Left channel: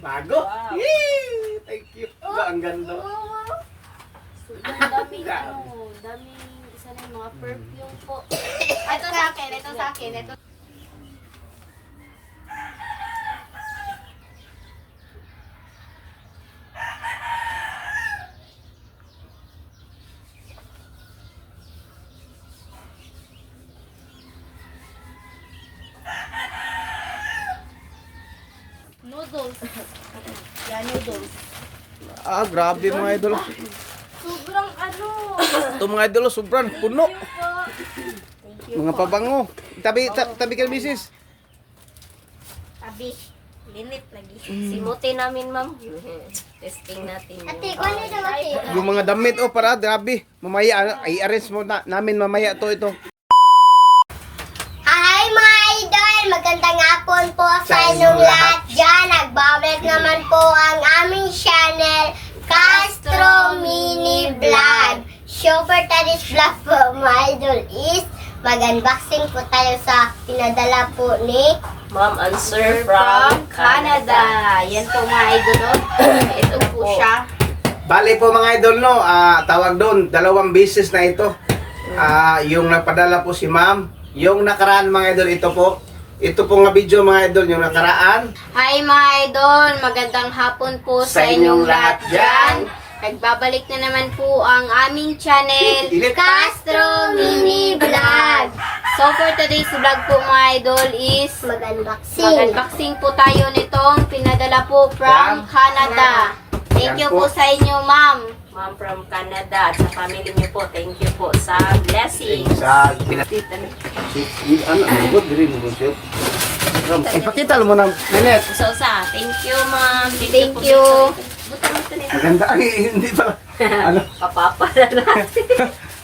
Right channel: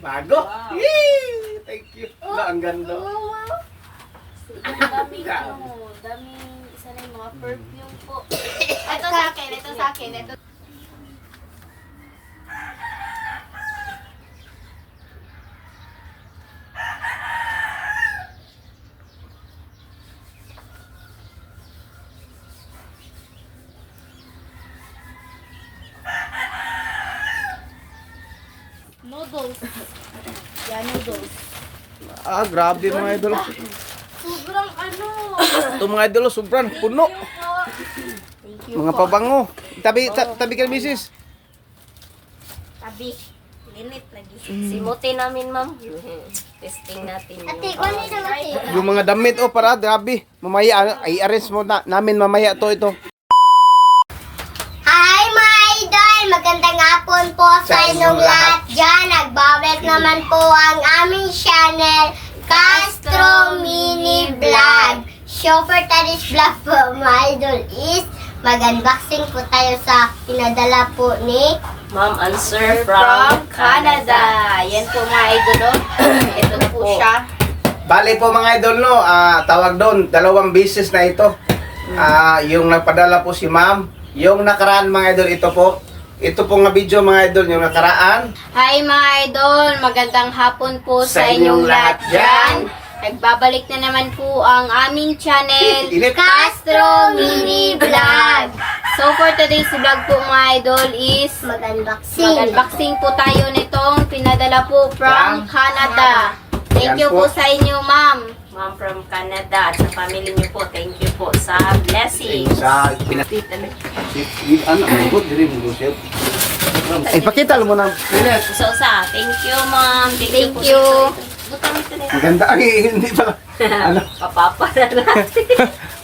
Bago? Wow. Yay! Thank you. Ang ganda. Daming daming isa na yung mga perfume po. Ito sa akin, ito sa akin, ito. Noodles. Yan, noodles. Ah, grabe mga idol. Sobrang ano. Ito mga idol, sobrang puno. Thank you Mga po. pabango. Tabi ka na, misis. Tabi. Lilit lagi. Simutin namin, ma'am. Testing natin. Ate, kung ano naman ate? Yung mga damit, oh, para, grabe. Mamaya, i-arrange mo namin mamaya to. Hi mga idol! Magandang hapon po sa inyong lahat dyan. Nagbabalik naman po ang aming channel, Castro Mini Vlog. So for today's vlog po mga idol is mag-unboxing po tayo sa pinadala po ni Ma'am Answer from Canada. Yan po mga idol. Oh. Ito po siya. Bali po mga idol, no, tawag doon, 2 beses na ito. Yung nagpadala po si ma'am. Yung nakaraan mga idol, ito po. Ito po nga video mga idol, yung nakaraan. Hi mga idol, magandang hapon po sa inyong lahat dyan. Nagbabalik na naman po ang aming channel, Init. Castro Mini Vlog. So for today's vlog po mga idol is mag-unboxing. mag-unboxing po tayo nitong pinadala po from Canada. Thank Yan you po. po sa inyo ma'am. Ma'am from Canada at sa family niyo po. Thank you po sa blessings. Sa pakita mo na. Lilit. Usa-usa. Thank you, ma'am. Thank you Thank po. you. Butang ito nito. Maganda. Ay, hindi pa. Ano? Papapa na natin.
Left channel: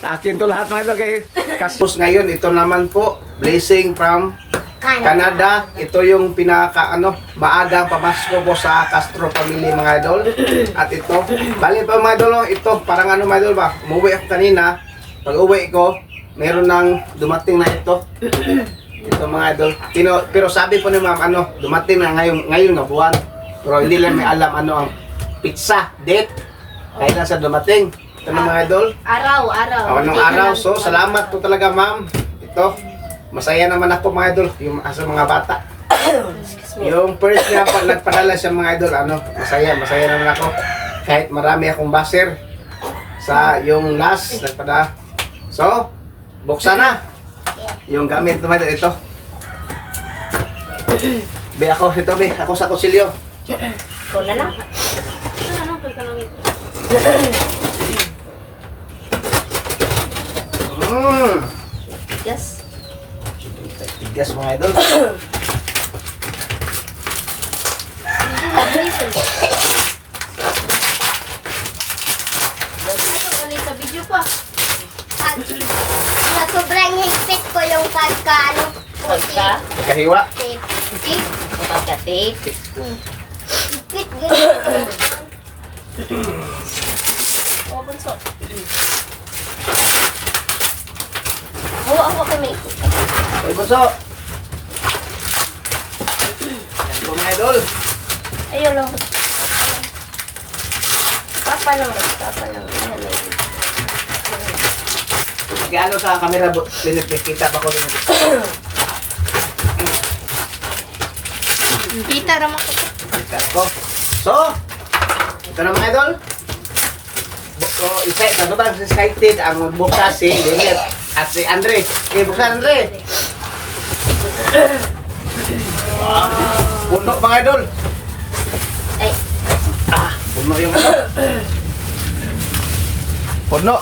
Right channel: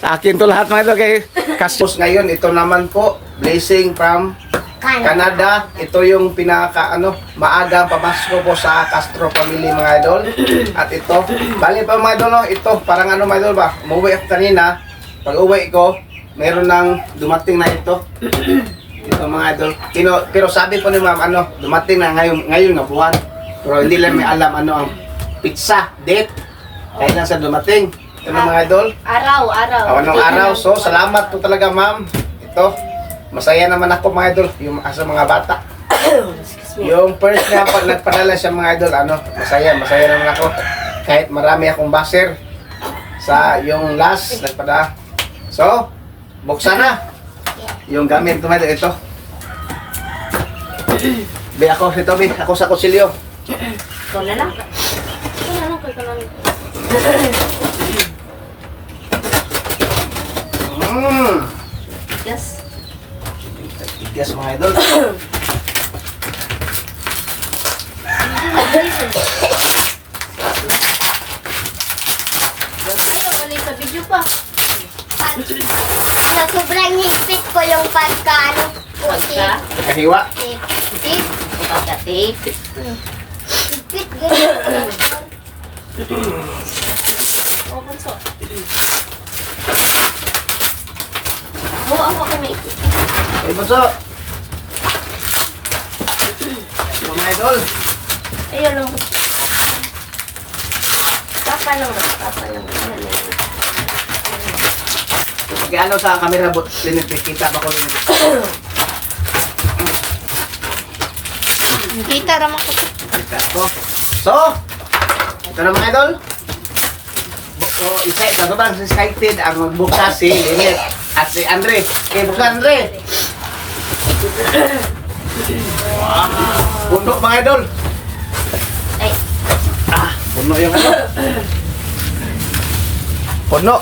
Sa akin to lahat mga idol kay Kastos ngayon. Ito naman po, blessing from Canada. Ito yung maagang pamasko po sa Castro family mga idol. At ito, bali pa mga idol, no? Ito, parang mga idol ba? Umuwi ako kanina. Pag uwi ko, meron nang dumating na ito. Ito mga idol. Pero sabi po ni ma'am, dumating na ngayon na buwan. Pero hindi lang may alam ang pizza date. Kaya lang sa dumating. Ito na mga idol. Araw. Anong araw. So, salamat po talaga ma'am. Ito, masaya naman ako mga idol, yung sa mga bata. Yung first niya, pag nagpadala siya mga idol, masaya naman ako. Kahit marami akong baser sa yung last nagpadala. So, buksan na. Yung gamit mga idol, ito. Ako sa kusilyo. Ikaw na lang. Yes. Tigas mga idol. Ayun, sa video pa. Na sobrang higpit ko yung Pagka. Kahiwa. Pagka-tape. Higpit ganyan. O, bunso. Ako kami. Ay, bunso. Ito mga idol. Ayun lang. Papa lang. Gano sa camera, kita pa ko rin. Kita naman ko. Kita ko. So, ito na mga idol. Sobrang excited ang magbukas si Lilit at si Andre. Okay, buksan Andre. Puno mga idol. Ay. Puno yung Puno.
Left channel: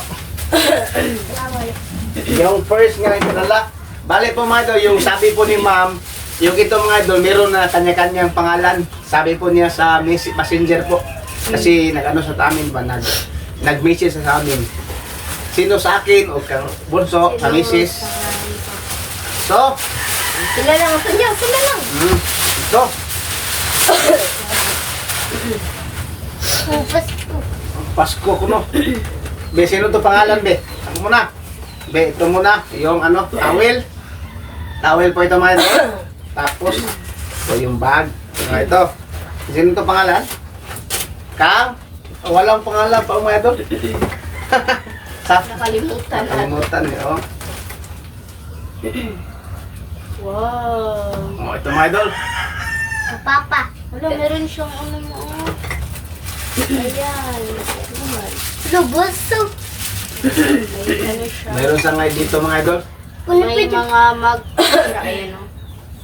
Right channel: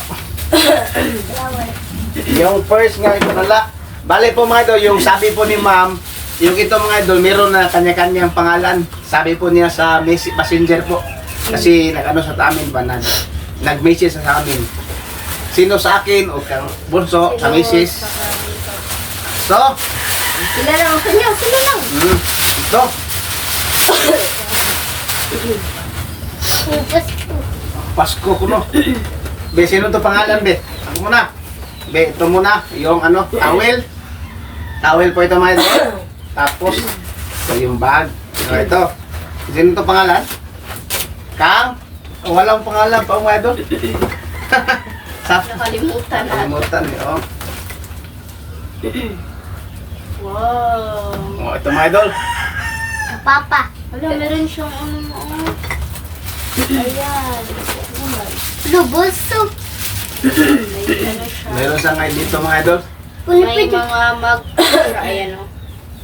Yung first nga ito nala. Bale po mga idol, yung sabi po ni ma'am, yung ito mga idol, meron na kanya-kanyang pangalan. Sabi po niya sa messenger po. Kasi sa amin ba, nag-message sa amin. Sino sa akin o kang bunso, sa misis. So, Sila lang ang kanya, sila lang. ito. Pasko ko no. Be, sino to pangalan be? Ako muna. Be, ito muna. Yung towel. Towel po ito mga idol. Tapos, ito yung bag. Ito. Sino to pangalan? Kang? Walang pangalan pa mga idol. Nakalimutan na. Nakalimutan eh, oh. Wow. Oh, ito mga idol. Papa. Wala, meron siyang ano mo. Ayan. Lubuso. May ano siya. Meron sa ngay dito mga idol. Kuno May pwede. mga mag... Ayan o.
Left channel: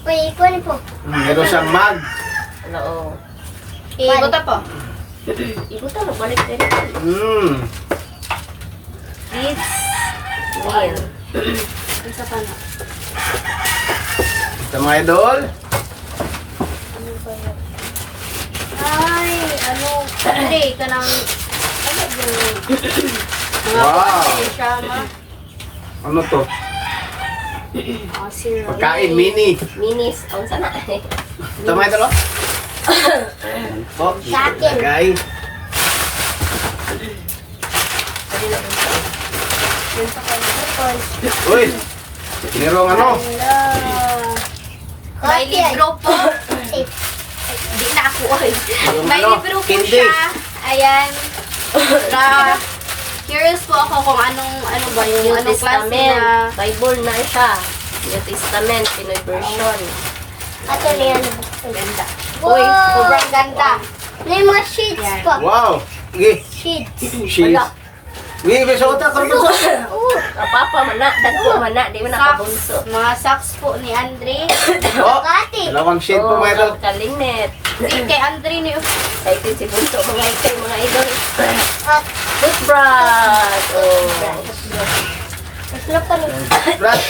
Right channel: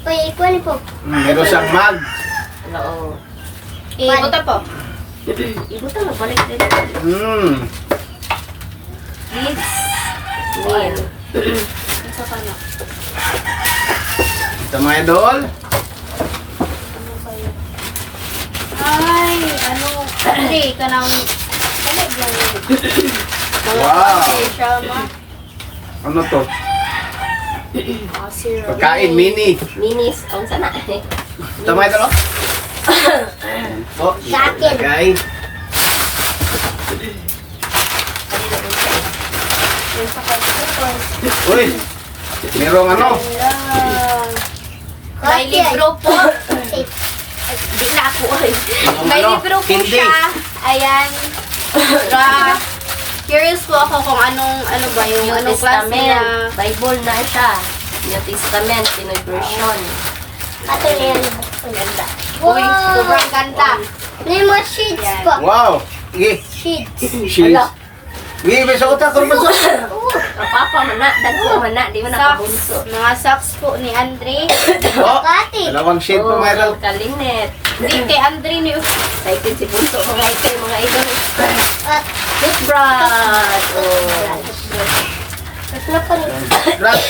Pwede, kuno po. Meron siyang mag. Oo. Ibuta po. Ibuta mo, connect din. Kids. Meal. Isa pa na. Ito mga idol. Ano kaya? Ay, ano. Hindi, ka nang... Ano yan? Mga Wow. pati siya, ma. Ano to? Mga syrup. Pagkain, mini. Minis. Ang sana. Ito mga idol, oh. Ayan po. Sa akin. Guys. Yun sa kanya. Uy. Merong ano? Hello. May Kasi- libro po. Eh, Hindi na ako. Oy. Merong May ano? libro po Hindi. siya. Ayan. Curious po ako kung ano ba yung New anong klase Testament. na. Bible na siya. New Testament. Pinoy version. Ato na yan. Ganda. Wow. Uy, sobrang ganda. May mga sheets Yan. pa. Wow. Sige. Sheets. Cheese. Sige, besuota ko bunso. Papa, mana. Dagko, mana. Di mo Socks. nakabunso. Mga socks po ni Andre. Oh. Kati. Dalawang shade po mga idol. Kalinet. Hindi kay Andre ni Excited si Bunso. Mga ito, mga idol. At Toothbrush. Oh. mas na pa rin. Plus.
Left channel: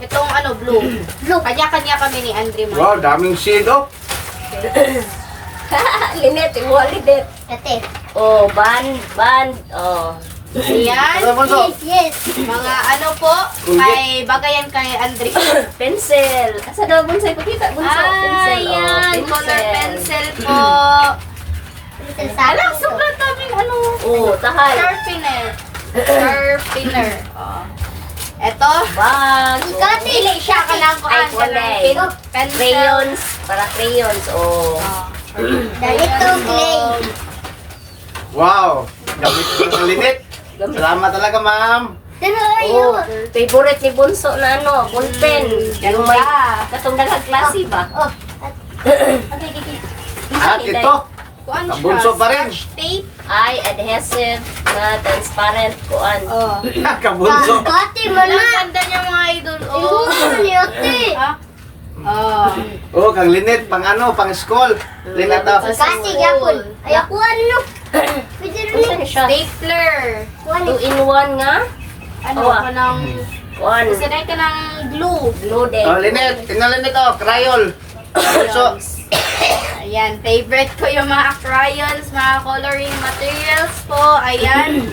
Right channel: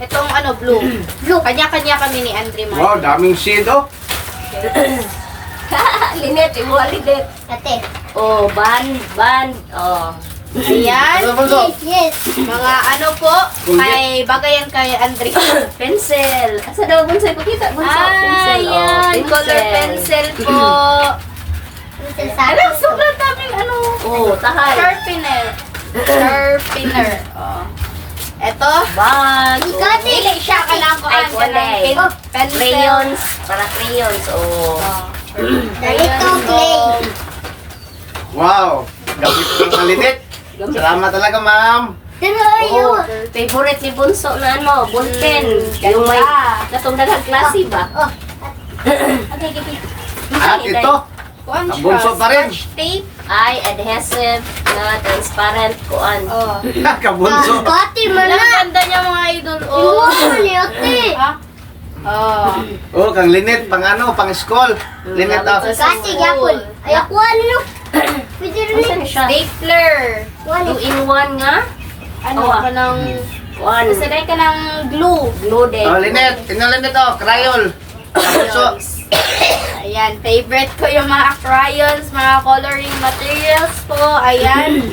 itong ano blue. Blue. Kanya-kanya kami ni Andre man. Wow, daming shade, oh. Linet, imualidet. Ate. Oh, band. Oh. Ayan. Ano bunso? Yes. Mga ano po, kay bagayan kay Andre. Pencil. Asa daw Bunso? Ipakita, Bunso. Pencil. Oh, Ayan, color pencil po. Pencil sa Alam, akin. sobrang daming ano. Oh, tahay. Sharpener. Oh. Eto. Bag. Ikaw, Oh. Dili siya kanang Ay, kuan kulay. pencil. Crayons. Para crayons. Oh. Oh. Ganito, clay. Wow. Gamit ko ng kalinit. Salamat talaga, ma'am. Pero Oh, ayun. favorite ni Bunso na ano, ballpen. Yung may natungdalang klase ba? Oh. Okay, okay. At ito. Kuan siya. Bunso pa rin. Scotch tape. Ay, adhesive na transparent kuan. Oh. Kabunso. Kati mo Ang na. ganda niya mga idol. Iwo Oh. mo ni ate. Ha? Oh. Oh, kang linit. Pang ano, pang school. Linit ah. Kati yapon. Ay, ako ano? Pwede rin. Ano siya? Stapler. Kuha 2-in-1 nga? Ano Oh, ah. ka ng... Kuan. Sanay ka ng glue. Glue din. Oh, linit. Inalinit, oh. Crayon. So, Ayan, favorite ko yung mga crayons, mga coloring materials po. Ayan.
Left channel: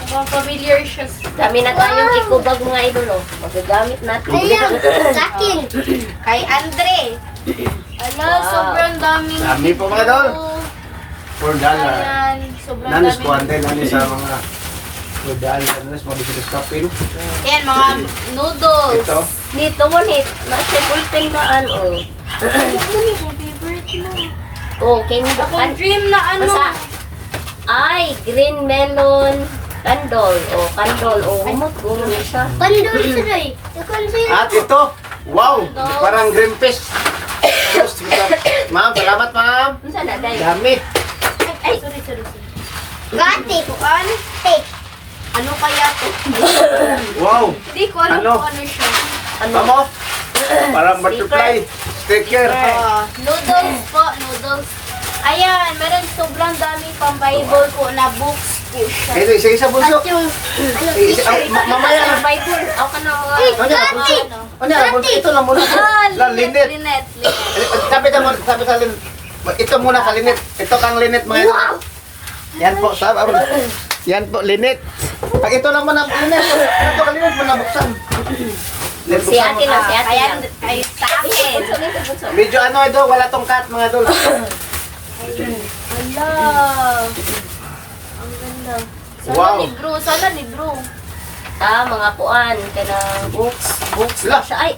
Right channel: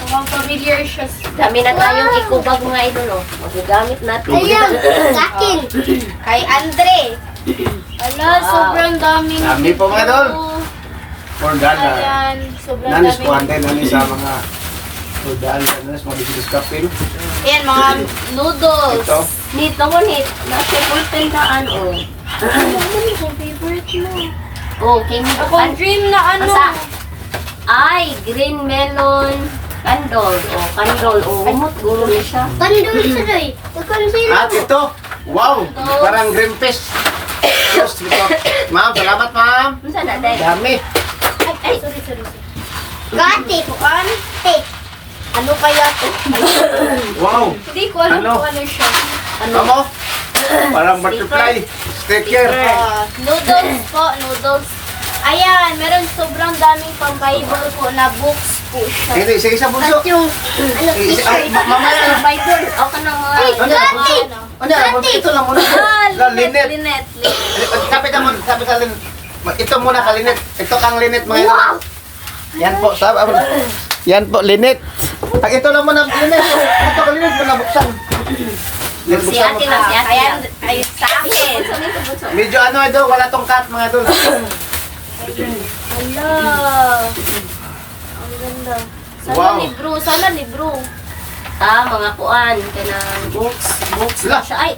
Mukhang familiar siya. Dami na tayong ikubag mga idol, oh. Magagamit natin. Ayun. Kakin. Kay Andre. Ala, Wow. sobrang daming... Dami po, mga idol. glue. for dollar. Ayan, sobrang Nanis daming... ko ante, nanis sa mga for dollar. Nanis mo dito sa kapil. Ayan, mga noodles. Ito. Dito mo, nasa ballpen kaan, oh. Favorite mo. Oh, kay mo Akong dream na ano. Basta. Ay, green melon candle. Oh, candle. Oh, humot. Gulo niya siya. Pandol sa doy. Ikon sila. At ito. Wow! Parang green fish. Diyos, ito. Ma'am, salamat ma'am. Ano na, day? Dami. Ay, sorry. Kati. Kuan? Tape. Ano kaya to? Wow! Hindi ko alam Ano? kung ano siya. Ano? Parang butterfly. Sticker. Noodles po, noodles. Ayan, meron sobrang daming pang Bible po na books po siya. Sige, sige sa bunso. At yung, ano, t-shirt. Mamaya na. Bible. O ka na mga... Ay, Ano? Kati. Ano? Ito lang muna. Ah, Linit. Linet. Sabi ka muna, sabi ka linit. Ito muna ka linit. Ito kang linit mga ito. Wow. Yan po, sabi. Yan po, linit. Pag ito lang muna, linit. Ito ka linit, muna buksan. Linit, Si buksan mo. ate lang, si ate Kaya, lang. ay, sa akin. Bunso, nito, bunso. Medyo ano ito, wala tong cut mga idol. Hala. Ang ganda. Sana Wow. libro, sana libro. Ah, mga kuan, kanang books Wala. na siya. Ay,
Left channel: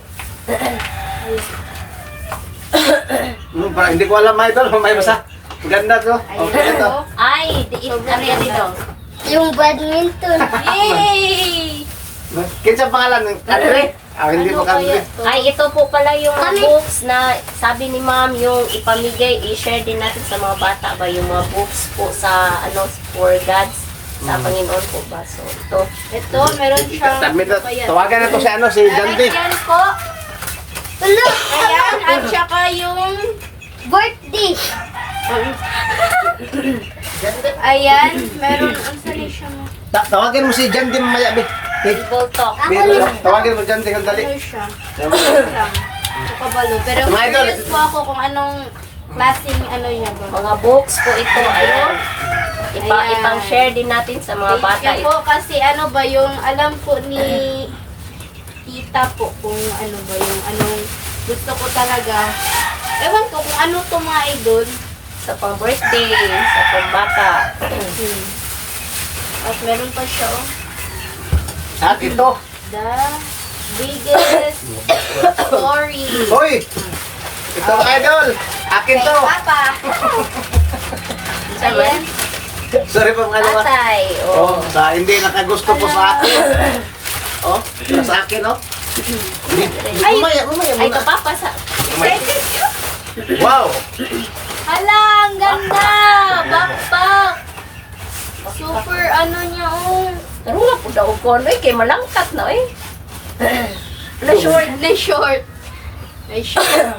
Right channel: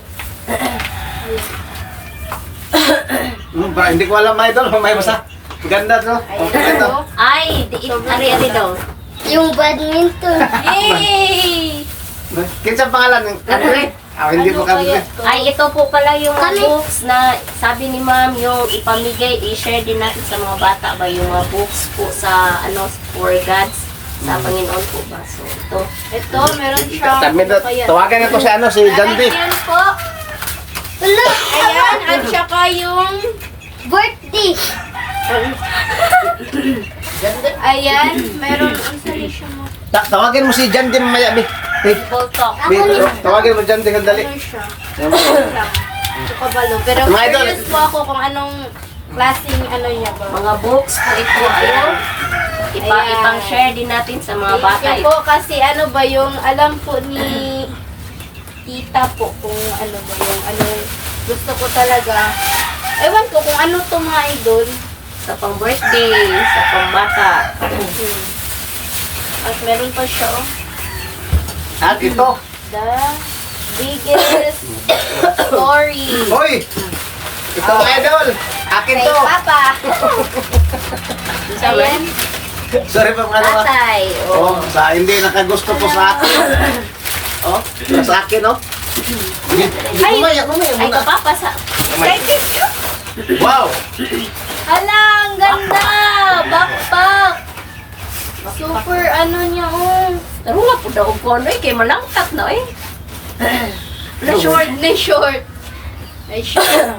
Hindi ko alam, mga idol. May basa. Maganda to. Okay to. Ay, ari daw. Yung badminton. Yay! Kinsa pangalan ng country? Hindi Ano mo country. kaya to? Ay, ito po pala yung Kami- books na sabi ni ma'am yung ipamigay, i-share din natin sa mga bata ba yung mga books po sa ano for gods sa Panginoon po ba. So, ito. Ito, meron siyang... Ayan. Tawagan na to si ano, si Jandy. Ayan po. Hello. Ayan, at saka yung... Birthday. Ayan, meron... Ang sali siya mo. Tawagan mo si Jandy mamaya, Bi. People talk. Tawagan mo Jandy kung dali. Ano siya? Ano lang. Ito kabalo. Pero Mga idol. curious po ako kung anong klaseng ano niya ba. Mga books po ito. Ayun. Ayan. Ipang-share din natin sa mga bata. Yan po kasi ano ba yung alam po ni tita po kung ano ba yung anong gusto ko talaga. Ewan ko kung ano to mga idol. Sa pang-birthday, sa pang-bata. At meron pa siya oh. At ito. The biggest story. Hoy! Ito mga idol. Akin Kay to. Papa. Ayan. Sorry pa mga dalawa. Tatay. Oh, sa hindi nakagusto po sa akin. Oh, sa akin, oh. Kumaya. Ay, kapapa sa... Wow! Hala, ang ganda! Backpack! Super ano niya oh. Pero nga po daw ko, no? Kaya malangkat na eh. Na short, na short. Ay short.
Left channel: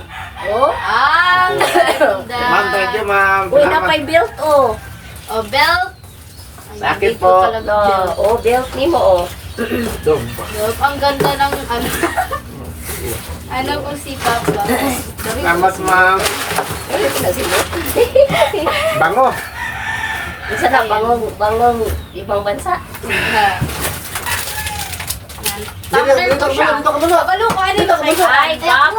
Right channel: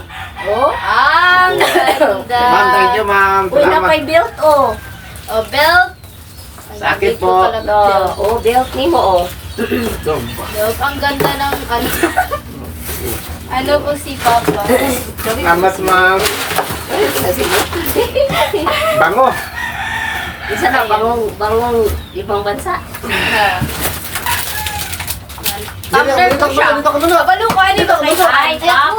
Oh. Ang ganda. Ma'am, thank you, ma'am. Uy, na kay belt, oh. O, belt. Sa akin Dito po. pala No, belt. oh, belt ni mo, oh. Belt. Ang ganda ng ano. Ano po si Papa? Salamat, ma'am. Bango. Isa na, bangong ibang bansa. Tumbler po siya. Dito ko muna. Kabalo ko, ano ba kayo? Ay, pap.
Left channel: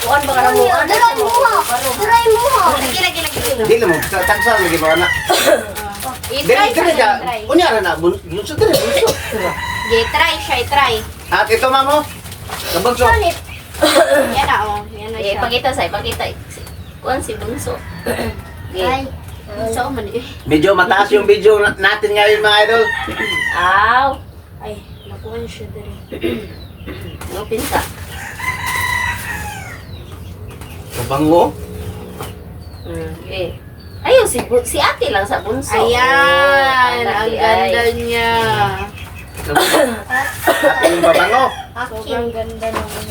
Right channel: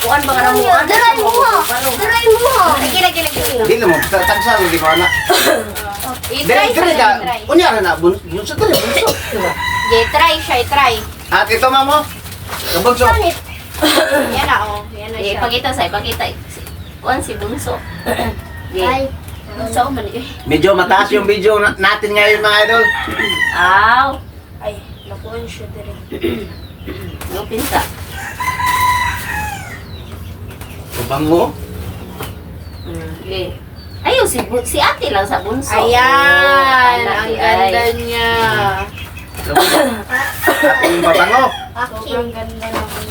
Kuan ba ka na mo? Daray mo ho. Daray mo ho. Lagi, lagi, lagi. Hindi na mo. Tagsa mo ginawa na. I-try Dili siya, ka. i-try. Unyara na. Bunso to rin. Bunso. I-try siya, i-try. At ito, ma'am, oh. Kabunso. Yan na, oh. Yan na Eh, siya. pakita sa'yo, pakita. Kuan si Bunso. Ay. So, man eh. Medyo mataas yung video natin ngayon, mga idol. Aw. Ay, nakuha siya dali. Yung pinsa. Bango. Okay. Ayun, si ate lang sa Bunso. Ayan, Oh, ang ate ganda ay. niya. Ating babango. Sobrang ganda naman.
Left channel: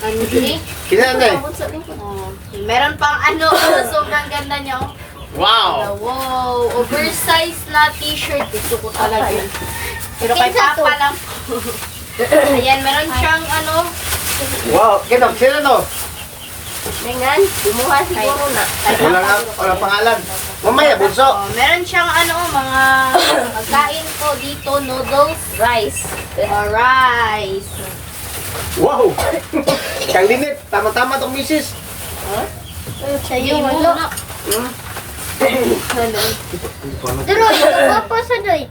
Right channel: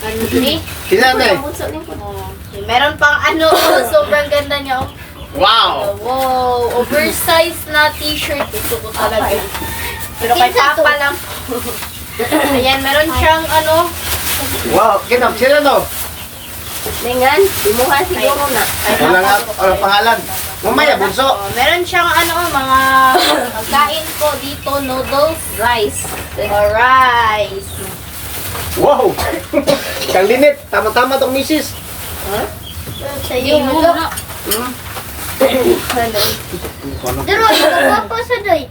Ano ni? Tingnan eh. Bunso ni ko. Oh, meron pang ano, oh, sobrang ganda niya. Oh. Wow. Wow, oversized na t-shirt. Ito ko talaga. Pero kay Pinsa to. Papa lang. Ayan, meron siyang ano. Wow. Kita, sino to? Dengan, imuha siguro na. Wala pangalan. Mamaya, bunso. Oh, meron siyang ano, mga pagkain ko dito, noodles, Rice. rice. Wow. Kalinit. Tama-tama tong misis. Sa'yo Yung mo. muna. Daray, ito pa sa doy.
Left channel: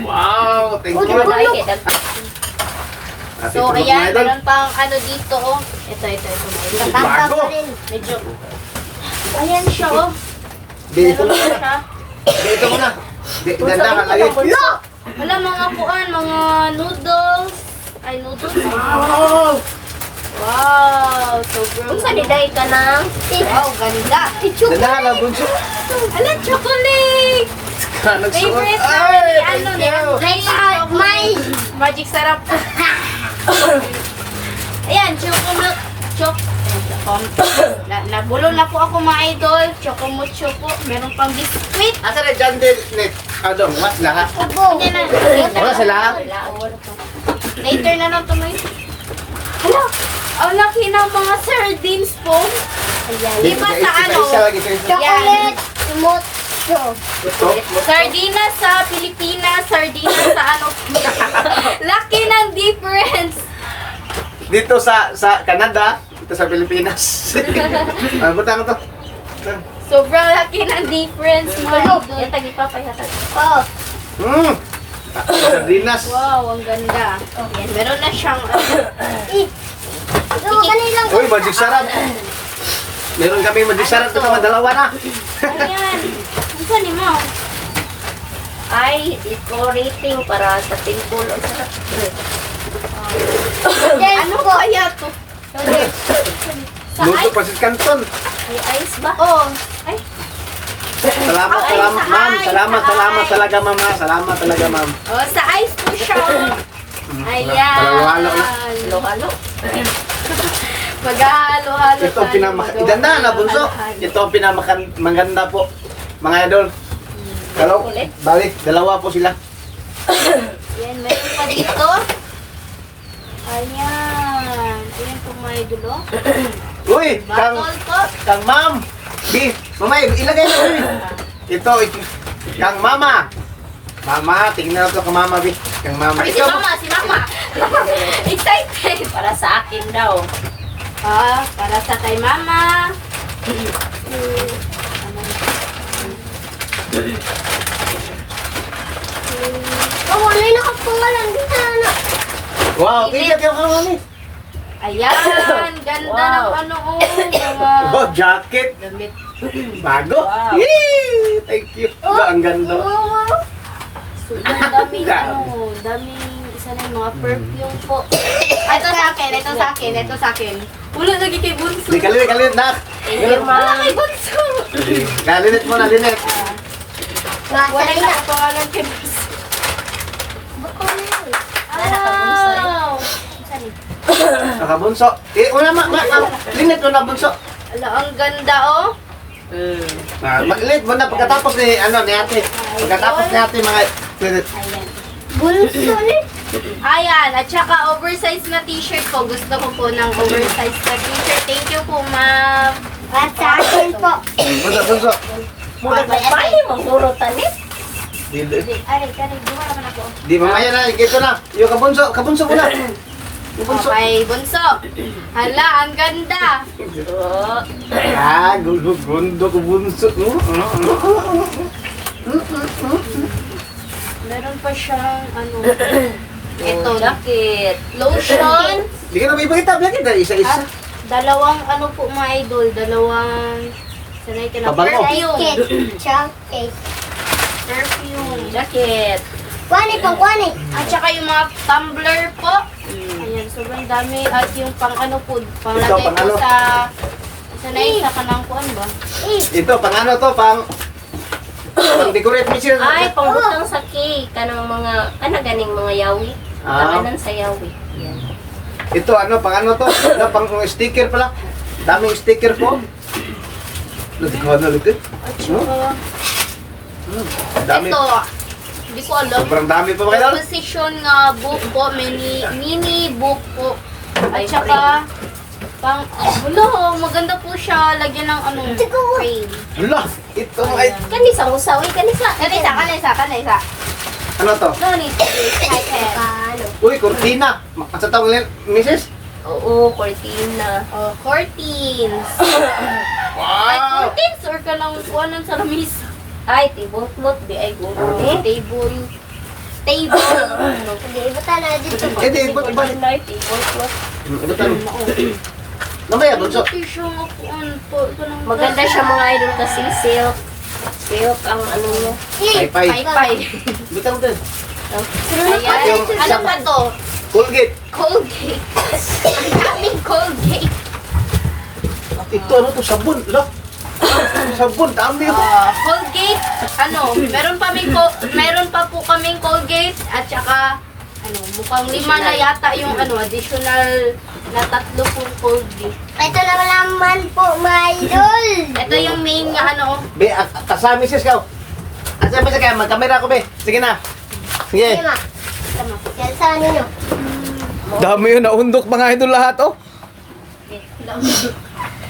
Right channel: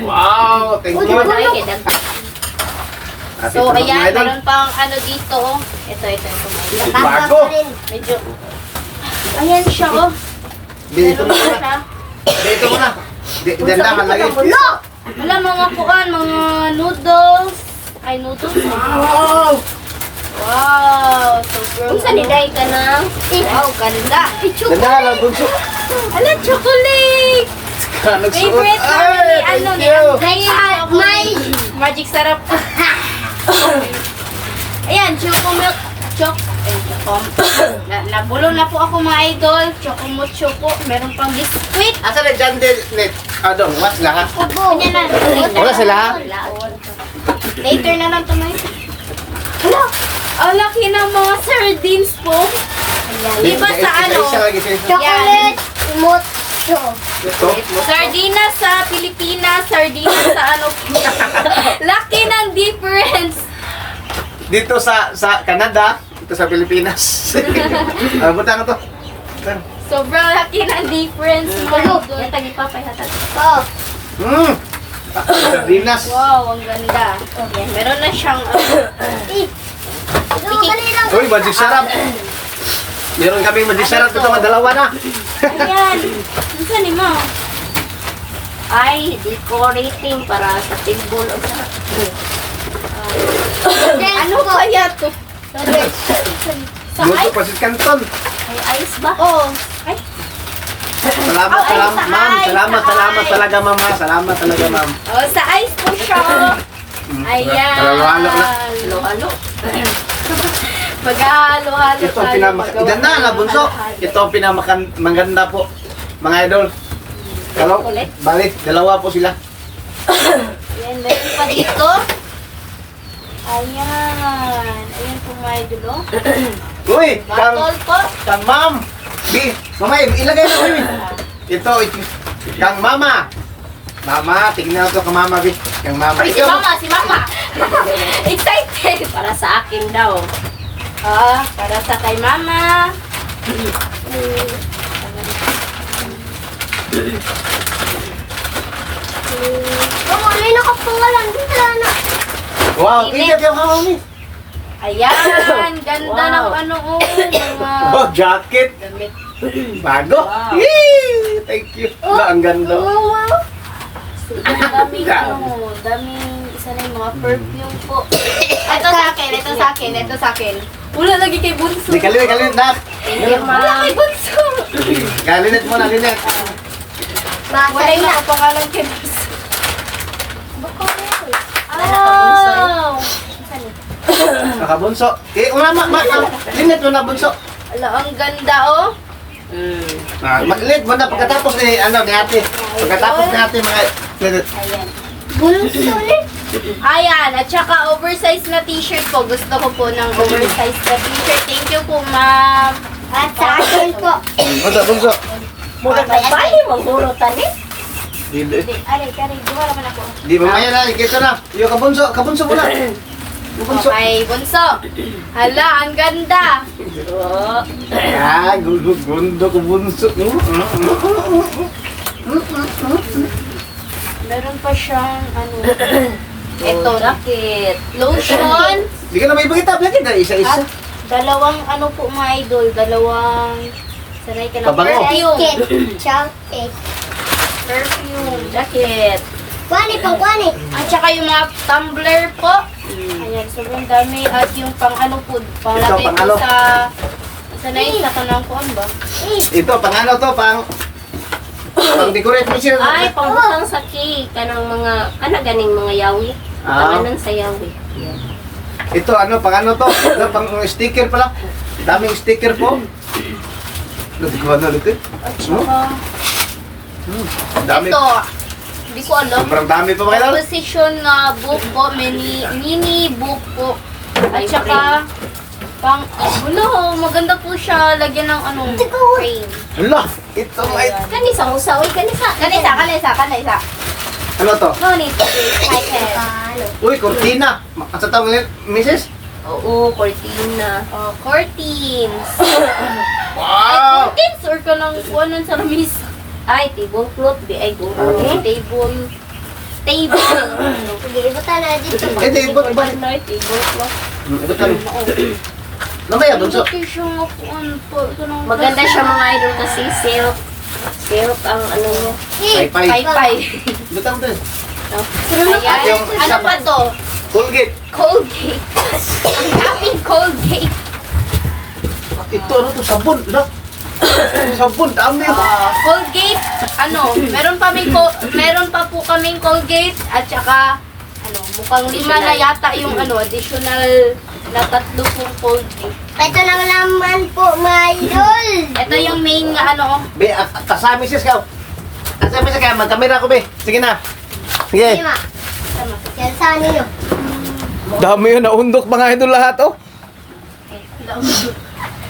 Wow. Thank you. Ay, kaya At So, ito, mga ayan, idol. meron pang ano dito, oh. Ito. May Tatang Bago. pa rin. medyo, ayan siya, oh. Dito Meron na. pa siya. Dito mo na. Dandahan lagi. Wala! Wala mga kuan, mga noodles. Ay, noodles. Wow. Wow, sobrang Kung saan niday ka ng... Wow, ganda. Dandahan lang, bunso. Hala, chocolate! Nagsuot. Favorite Ay, ni ano thank ni you. May Magic Sarap. Ayan, choco milk. Nabulong na po ako mga idol. Choco mo choco. Meron pang biskuit. Asa na dyan din? Adong, mas lahat. Ubo. Yan na. Wala sila. Later na lang ito na yun. Hala, ang laki ng mga sardines po. Di ba sa ano? Isa lagi, isa. Chocolate. Mocho. Ito. Sardinas sa Pilipinas, sardinas sa ano. Laki ng difference. Dito sa Canada, dito sa Pilipinas. Ang butang to. Sobrang laki ng difference. mga Hello. idol. Yan, tagipapay hatag. Oh. Sardinas. Wow, ang ganda. Meron na siyang Kanilang Uy, magic sarap. Meron kami magic sarap ito, dalawa na. Ayan. Ano ka ni Mau? Ay, decorating para sa table o sa... Ano kaya to? Sa Luto ice? pa si Canton. Ay, ice ba? Oh. Ay. Salamat, Ay, salamat, sa ma'am. ice, Salamat, sa salamat ice. talaga, mama. Salamat talaga, ma'am. Oh, sa ice po siya. Ayan. Para halo na. Halo-halo. Maghahalo-halo Ito ang tayo, Ganda na, bunso. maghahalo-halo. Ito ang maganda po, mga idol. Kalau, Ulit. balik, dalawa po sila. Ayan, meron pa dito. Ayan. Ayan po mga idol, oh. Uy, Batol po. kang ma'am. Bi, mamay, ilagay na ulit. Ito, kang mama. Mama, tingnan ko kang mama, Bi. Kang mama. Ay, si Mama, si Mama. Excited. Para sa akin daw. Ah, para sa kay Mama. Oh, ano yung nakapungalan? Dito na. Wow, ingat yung mami. Ayan, ganda Wow. ng ano, oh. Mga Oh, jacket. damit. Bago. Wow. Yee! Thank you. Wala, ang ganda. Wow. So, ang daming, ano, daming, isa na yung mga perfume po. Ito sa akin, ito sa akin, ito sa akin. Wala lagi kay Bunso. Di, kalinit, nak. Hindi, Wala ma'am. kay Bunso. Kalinit mo na, linet. Wala yung nakapangalan kay Bunso. Nakabunso. Saan eh? Nakabunso. Eh, una, linet mo na, bunso. Ala, ang ganda, oh. Linet mo na pagkatapos ni, ni ate. Pagkatapos ni ate, mga linet. Ayan. Bunso ulit. Ayan, at saka oversized na t-shirt po. Gusto ko po ng oversized na t-shirt. Thank you po, ma'am. At sa akin po. Bunso, bunso. Muna ba tayo? Magpuro tanim? Di, Aray, karay, buha naman ako. di mamaya na, ikito na. Yung kabunso mo na. Yung bunso. Okay, bunso. Hala, ang ganda. Oo. Ah, gundo ko bunso. Meron pa siyang, ano, Ito, jacket. lotion. Di ka na may ipakita, bakit isa-isa? At dalawang, ano po mga idol, dalawang, sanay ka na, Pabango. perfume. Chocolate. Perfume. Jacket. Kwani pang kwani. At saka yung mga tumbler po. Ayan, sobrang dami. At yung pang ano po, Ito, panglagay pang po ano? sa sa kanang kuan ba? Ito, pang ano to, pang decorate mo siya. Ay, pangbutang sa cake. Kanang mga, ganing mga yawi. Ah. Pangalan sa yawi. Ito, pang ano to? Pang sticker pala. Daming sticker po. Lutik ko, lutik. At saka, Dami. ito, hindi ko alam. Sobrang dami pa mga idol. Composition na book po, mini book po. At saka, pang, maganda po siya. Lagyan ng ano, frame. Hala, ito ay... Kanisa, usawi, kanisa. Kanisa. Ano to? No need to be excited. Uy, cortina. Ang sa tawag nila, Mrs.? Oo, cortina. Oh, curtains. Wow! Curtains or ka lang kuwanan sa lamis. Ay, tablecloth. Di ay guro. Table. Sige, ibutan na dito. Eh, di, iba. Tablecloth. Iba tanong. Namaya, bunso. Ito siya kuwan po. Ito nang Maganda siya mga idol kasi silk. Silk ang ano niya. Pay-pay. Pay-pay. Iba tanong din. Ayan. Yung Ano isa pa to? Colgate. Colgate. Ang daming Colgate. Ito, ano to? Sabon. Ano? Sabon, dami. Colgate. Ano? Meron pa po kaming Colgate at saka ano, mukhang 5 na yata yung ano, additional na 3 pong Colgate. Ito naman po, mga idol. Ito yung main nga ano, Be, kasama Mrs. ka. Kasama Mrs. ka, mag-camera ko, be. Sige na. Sige. Lima. Yan sa ninyo. Dami yun, naundok mga idol lahat, oh.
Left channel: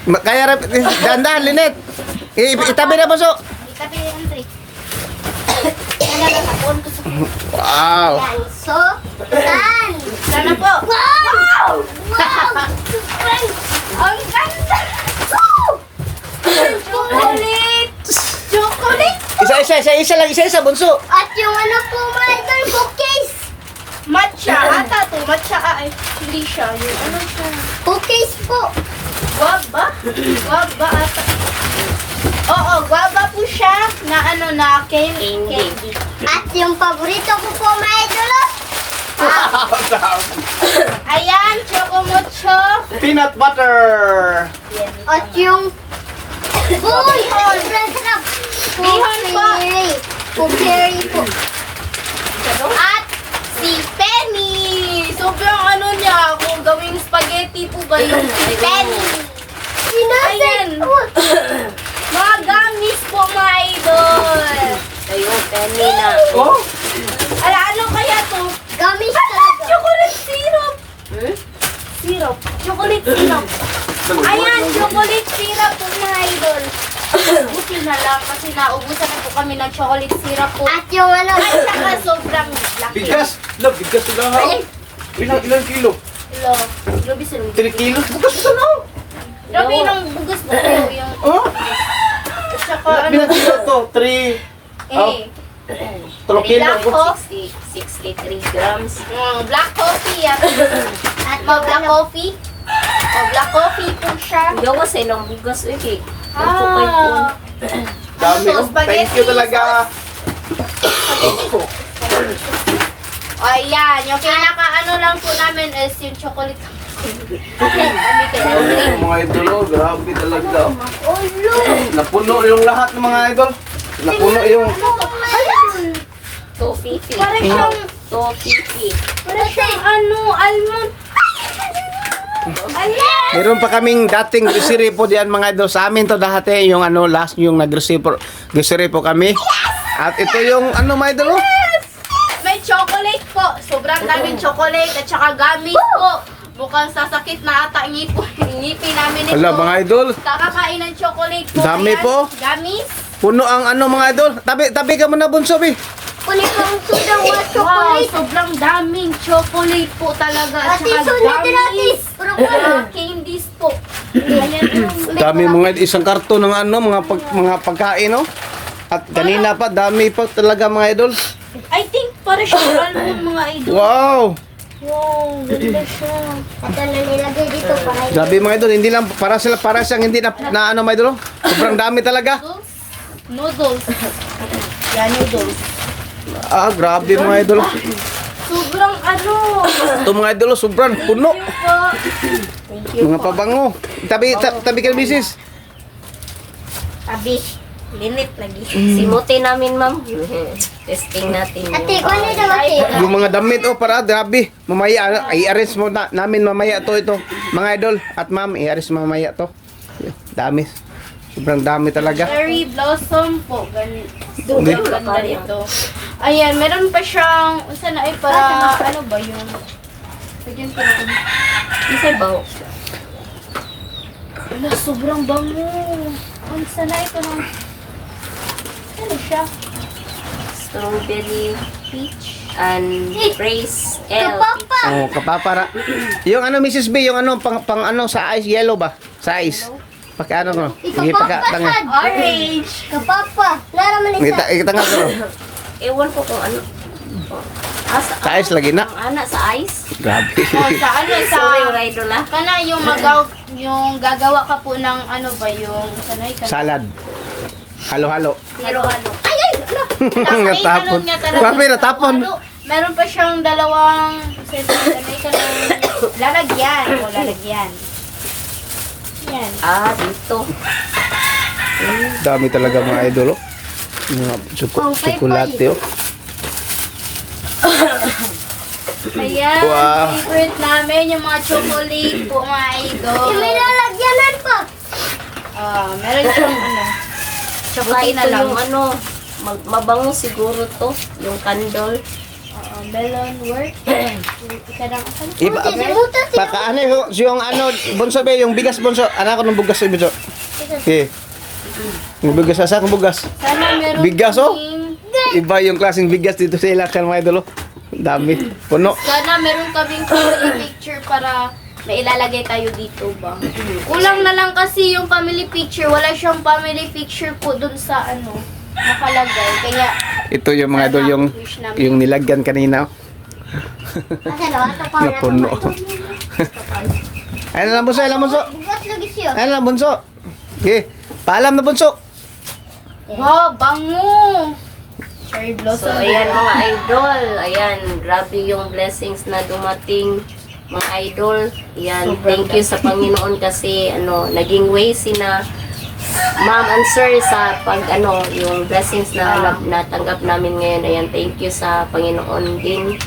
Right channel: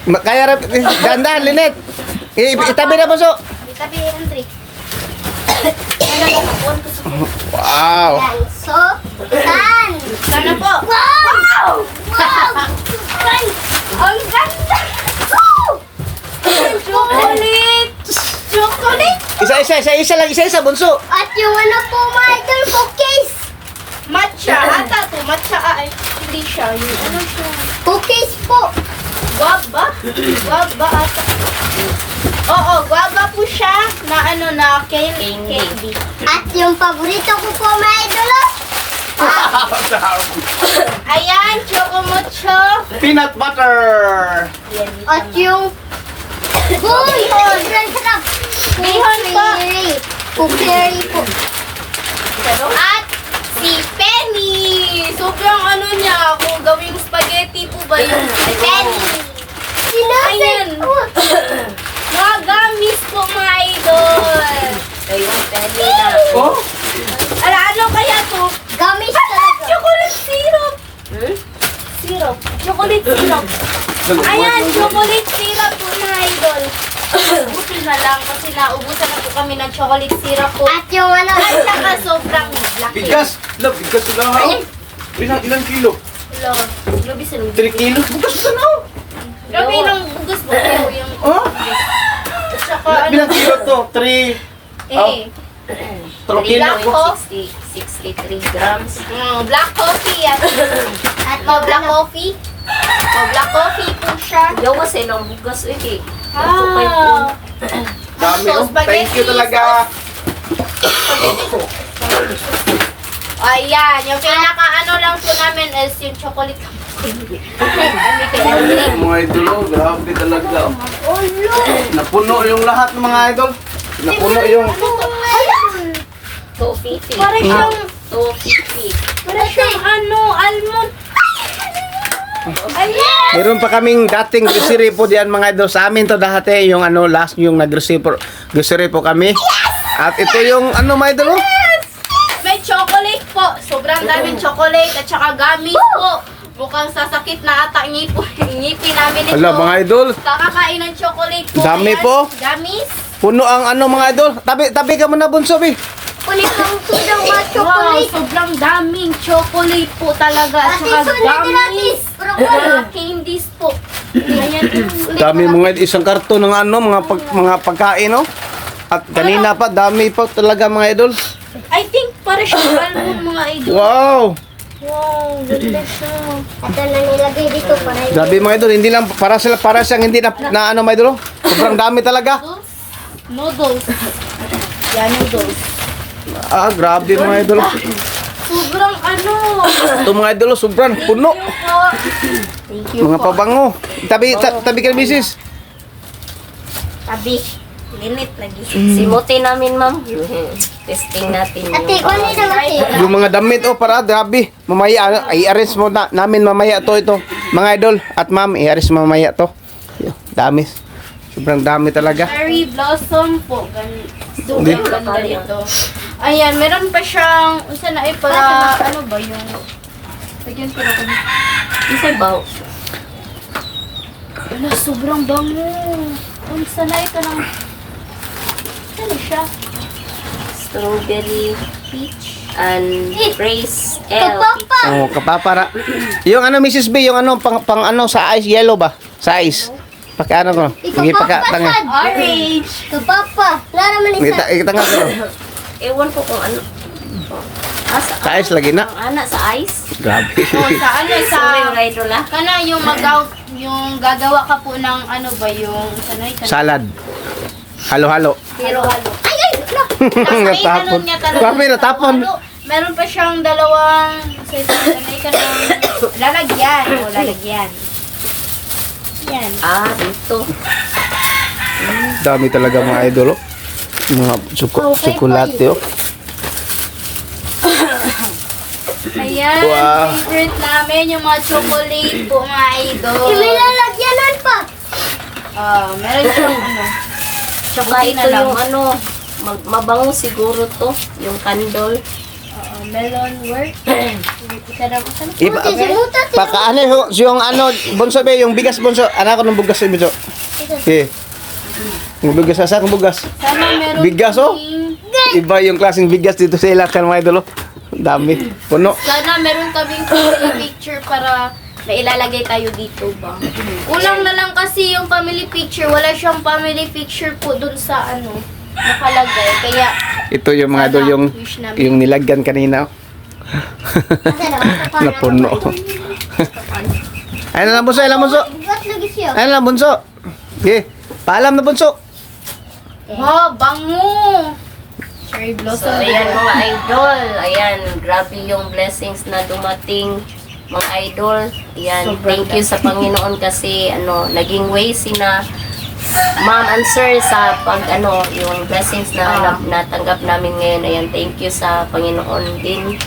Kaya, dahan-dahan, Linet. Itabi na, bunso. ikabi yung Andre. Wala na kapuan ko sa Wow. Yan. So, tan. Sana po. Wow! Wow! Ang ganda! Chocolate! Chocolate! Isa, bunso. At yung ano po, mga idol, cookies. Matcha. Ata to. Matcha ay. Hindi siya. Yung ano siya. Cookies po. Guava? Guava ata. Oo, guava po siya na ano na candy. At yung paborito ko po, mga idol. Ayan, chocomocho. Peanut butter. At yung... Uy! Sobrang sarap. Bihon po. Puperi po. At si Penny. Sobrang ano niya, kung gawing spaghetti po ba yung si Penny. Ayan. Mga gamis po, mga idol. Ayun, penny na. Oh, Ano kaya to? Gamis talaga. Chocolate syrup. Hmm? Syrup. Chocolate syrup. Ayan, chocolate syrup po, mga idol. Buti na lang kasi naubusan na po kami ng chocolate syrup po. At yung ano... At saka sobrang laki. bigas. No, bigas ko lang. Ilang kilo? Lo, grabe sila. 3 kilos. Bigas ko na. Grabe ng bugas po yung... Oh, At saka ilang kilo to? 3 eh, 3 kilo. Black coffee. 63 grams. Black coffee yan. At mga black coffee. Black coffee po siya. Yo kasi nang bugas eh. Ah. Dami. Ano to, Oh. Thank you spaghetti talaga. Ayan, yung pinaka ano lang po namin is yung chocolate. Mga idol, oh, grabe talaga. Oh. Oh, look! Napuno yung lahat ng mga idol. Napuno yung... Ayan! 250. Parang siyang, 250. parang siyang ano, almond. Ayan! Meron pa kaming dating grocery po diyan mga idol. Sa amin to dati yung ano last yung grocery po kami. At ito yung ano mga idol. Oh. May chocolate po. Sobrang daming chocolate at saka gamis po. Mukhang sasakit na ata ngipin namin ito. Hala mga idol. Kakakain ng chocolate po. Dami Ayan, po. Gamis. Puno ang ano mga idol. Tabi ka muna bunso bi. Kulit ang tudang mga Wow, chocolate. sobrang daming chocolate po talaga. At Ate, saka sunod natin. gamis. Mga candies po. Ayan. Dami mga isang karton ng ano mga pagkain no. At kanina pa dami pa talaga mga idol. I think para siyang almond mga idol. Wow. Wow, ganda siya. At ano nilagay dito para Grabe mga idol, hindi lang para siyang hindi na ano mga idol. Oh. Sobrang dami talaga. Noodles. Yan, noodles. Ah, grabe mga idol. Sobrang ano. Ito mga idol, sobrang puno. Thank you po. Mga pabango. Tabi ka misis. Tabi. Linit lagi. Simutin namin, ma'am. Testing natin yung... Ate, kung ano naman ate? Yung mga damit oh para grabe. Mamaya i-arrange mo namin mamaya ito. Mga idol at ma'am, i-arrange mo mamaya to. Yo, dami. Sobrang dami talaga. Cherry blossom po. Hindi. Sobrang ganda ito. Ayan, meron pa siyang, unsa na para, ano ba yung, lagyan ko na kami. Isay ba? Wala, sobrang bango. Unsa na ito ng, ano siya? Strawberry, peach, and praise L. Papa! Oh, kapapara. Yung ano Mrs. B, yung ano pang ano sa ice yellow ba? Sa ice. Pagka ano ko. Sige pagka tanga. Orange. Kapapa! Wala naman isa. Kita nga ko. Ewan ko kung ano. Sa ice lagi na. Ang ana sa ice. Grabe. O, sa ano, sa, Sorry, mga idol ah. kana yung gagawa ka po ng ano ba, yung, sanay ka. Salad. Halo-halo. Pero ano. Natapon. Grabe, natapon. Meron pa siyang dalawang sanay ka ng lalagyan. O, lalagyan. Yan. Ah, dito. Dami talaga mga idol. Oh. Mga tsokolate oh. Ayan. Wow. Favorite namin yung mga chocolate po, mga idol. May lalagyanan pa. Meron siyang ano. Tsaka Buti na ito lang. yung ano, mabango siguro to. Yung candle. Melon work. Yung isa lang ako. Iba, Buti, simuta. ano yung ano, bunso be, yung bigas bunso. Anak ko ng bugas sa bunso. Eh. Yung bigas, asa kong bugas? Sana meron Bigas, oh. kaming- Iba yung klaseng bigas dito sa ilakan mga idol. Oh. Dami. Puno. Sana meron kaming family picture para may ilalagay tayo dito ba. Kulang na lang kasi yung family picture. Wala siyang family picture po dun sa ano, nakalagay. Kaya, Ito yung mga idol yung nilagyan kanina. Oh. Asa na? Napuno. Ayun lang bunso, ayun lang bunso. Bugat lagi siya. Ayun lang bunso. Okay. Paalam na bunso. Ma, bango! Cherry So, blossom. ayan mga idol. Ayan, grabe yung blessings na dumating mga idol. Ayan, thank you sa Panginoon kasi naging way sina Ma'am and Sir sa pag yung blessings na natanggap namin ngayon. Ayan, thank you sa Panginoon din.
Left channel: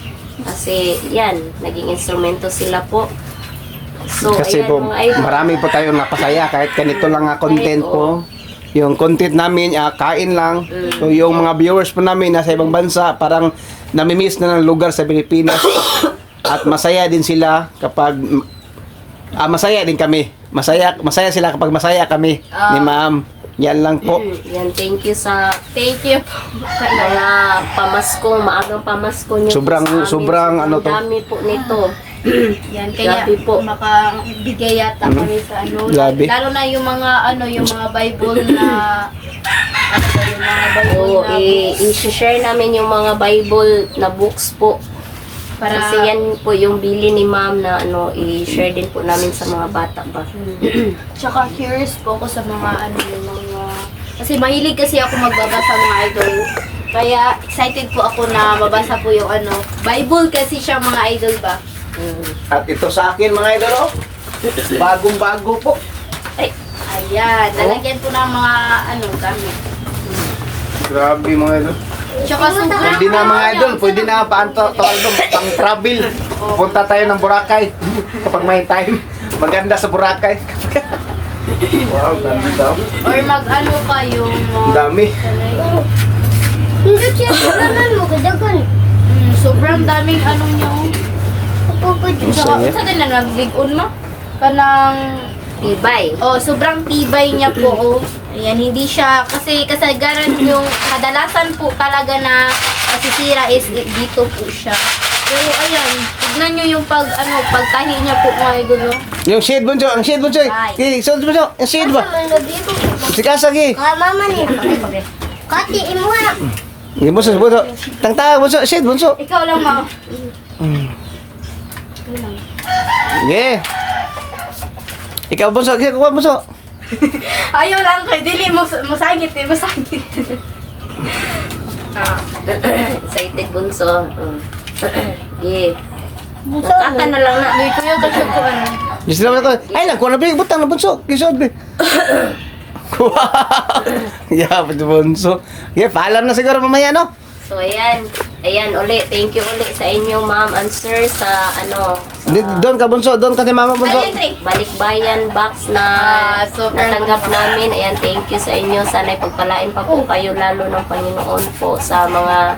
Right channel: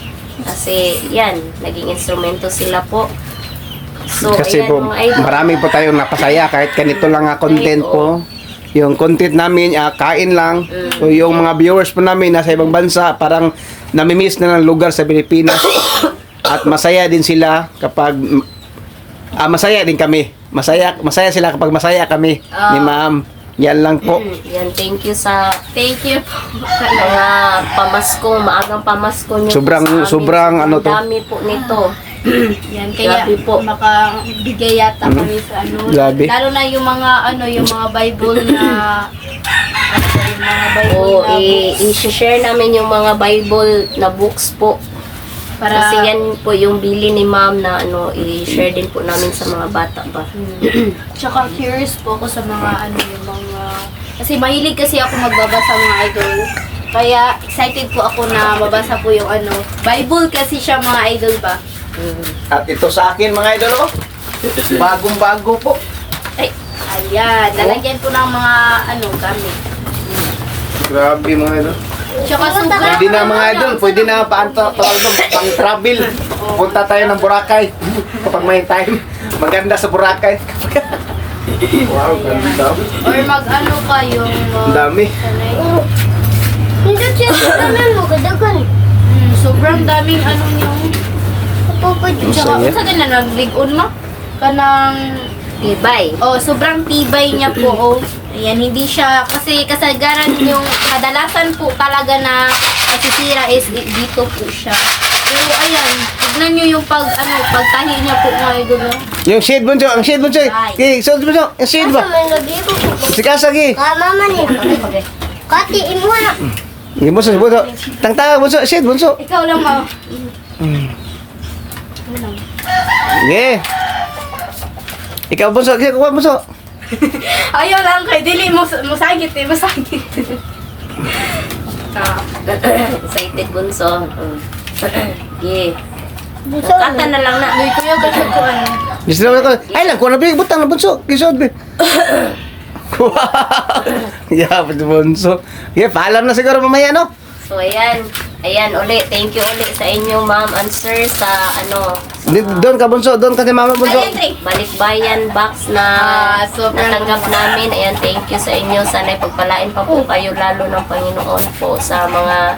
Kasi yan, naging instrumento sila po. So, Kasi ayan po, mga idol. marami po tayong napasaya kahit ganito lang nga content po. Yung content namin, kain lang. So, yung mga viewers po namin nasa ibang bansa, parang namimiss na ng lugar sa Pilipinas. At masaya din sila kapag masaya din kami. Masaya sila kapag masaya kami ni Ma'am. Yan lang po. Yan, thank you sa Thank you po. mga pamasko, maagang pamasko nyo Sobrang- po sa amin. sobrang ano to. Dami po nito. Yan, kaya Grabe po. makabigay yata kami sa Grabe. Lalo na yung mga yung mga Bible na yung mga Bible Oo, na books. i-share namin yung mga Bible na books po. Para Kasi yan po yung bili ni Ma'am na i-share din po namin sa mga bata ba. Tsaka curious po ako sa mga yung mga kasi mahilig kasi ako magbabasa mga idol. Kaya excited po ako na mabasa po yung Bible kasi siya mga idol ba. At ito sa akin mga idol, bagong-bago po. Ayan, lalagyan po ng mga gamit. Grabe mga idol. Tsaka sobrang Pwede na mga idol, pwede na pang travel. Punta tayo ng Boracay kapag may time. Maganda sa Boracay. Wow, ganda. or ka yung Ang dami. Hindi siya mo kadagan. sobrang daming yung tsaka Masaya. sa na nagligon no kanang Tibay. sobrang tibay niya po. Ayan, hindi siya, kasi kasagaran yung kadalasan po talaga na nasisira is dito po siya. Pero ayan, tignan nyo yung pagtahi niya po mga idol. No? Yung shade bunso, ang shade bunso. Okay, so bunso, ang shade ba? May lagi ko. Sikasagi. Mama ni. Kati imo na. Hindi bunso, bunso. Tangtanga bunso, shade bunso. Ikaw lang mo. Okay. Ikaw bunso, ikaw bunso. Ayaw lang kay dili mo masagit masagit. Excited bunso. Yeah. Kata na lang na. Dito yung kasi ko Gusto naman ako, ay lang, kung nabig, butang na bunso. Kisod be. Yeah, bunso. Yeah, paalam na siguro mamaya, no? So ayan, uli. Thank you uli sa inyo Ma'am and Sir sa Doon ka bunso, doon ka ni mama bunso. balikbayan box na sobrang natanggap namin. Ayan, thank you sa inyo. Sana'y pagpalain pa po kayo lalo ng Panginoon po sa mga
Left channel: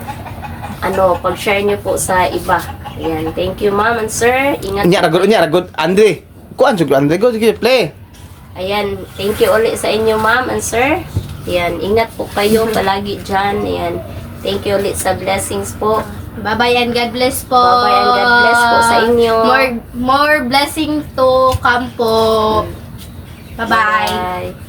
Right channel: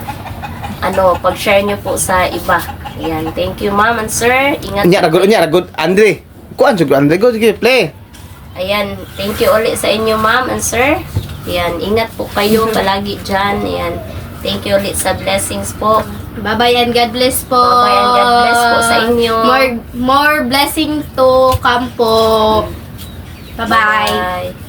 pag-share nyo po sa iba. Ayan, thank you Ma'am and Sir. Ingat po. Nya, ragod, Andre. Kuan, siguro, Andre, go, sige, play. Ayan, thank you ulit sa inyo Ma'am and Sir. Ayan, ingat po kayo palagi dyan. Ayan, thank you ulit sa blessings po. Bye-bye and God bless po. Bye-bye and God bless po sa inyo. More blessing to come po. Bye-bye. Bye.